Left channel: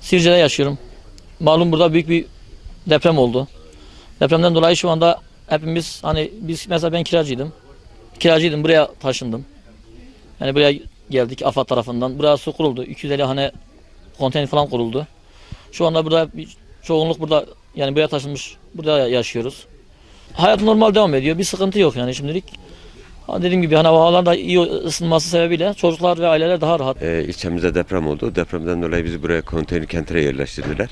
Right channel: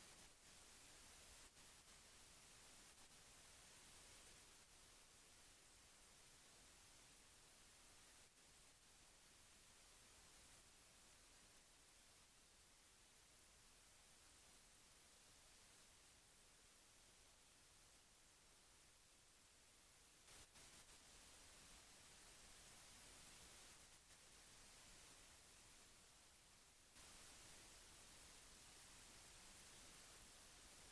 Sirce'de yaşıyorum. Malum burada büyük bir deprem oldu. Depremden dolayı şu anda hepimiz hani biz mesela ben kiracıydım. Kiracıydım buraya taşındım. Yani buraya geldik AFAD tarafından. Buraya su kuruldu. 250 hane konteyner falan kuruldu. Şu anda burada bir çoğunluk burada yani buraya taşınmış. Burada yaşıyoruz. Hayat normal devam ediyor. Bir sıkıntı yok yani şimdilik. Dediğim gibi hani havalar da iyi ısınması sebebiyle çocuklar ve aileler daha rahat. Ee, ilçemizde deprem oldu. Depremden dolayı bizi buraya konteyner kentere yerleştirdiler.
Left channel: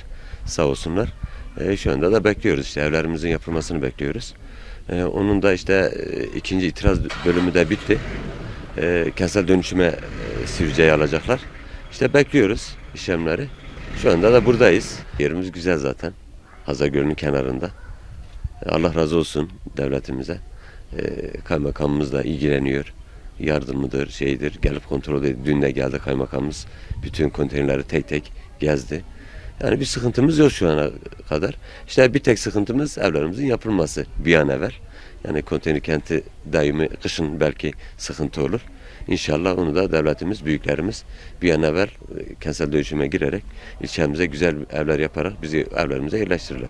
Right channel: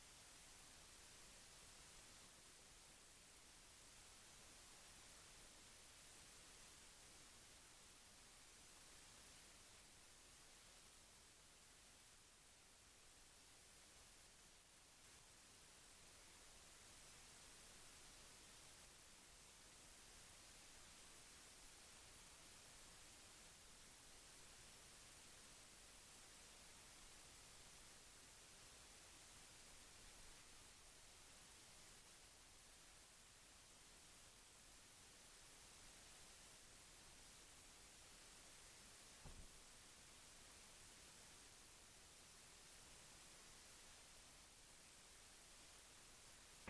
Sağ olsunlar. Ee, şu anda da bekliyoruz işte evlerimizin yapılmasını bekliyoruz. Ee, onun da işte e, ikinci itiraz bölümü de bitti. Ee, kentsel dönüşüme e, Sivrice'yi alacaklar. İşte bekliyoruz işlemleri. Şu anda da buradayız. Yerimiz güzel zaten. Hazagöl'ün kenarında. Allah razı olsun devletimize. Ee, kaymakamımız da ilgileniyor. Yardımıdır, şeydir, gelip kontrol ediyor. Dün de geldi kaymakamımız. Bütün konteynerleri tek tek gezdi. Yani bir sıkıntımız yok şu ana kadar. İşte bir tek sıkıntımız evlerimizin yapılması bir an evvel. Yani konteyner kenti daimi kışın belki sıkıntı olur. İnşallah onu da devletimiz, büyüklerimiz bir an evvel e, kentsel dönüşüme girerek ilçemize güzel evler yaparak bizi evlerimize yerleştirirler.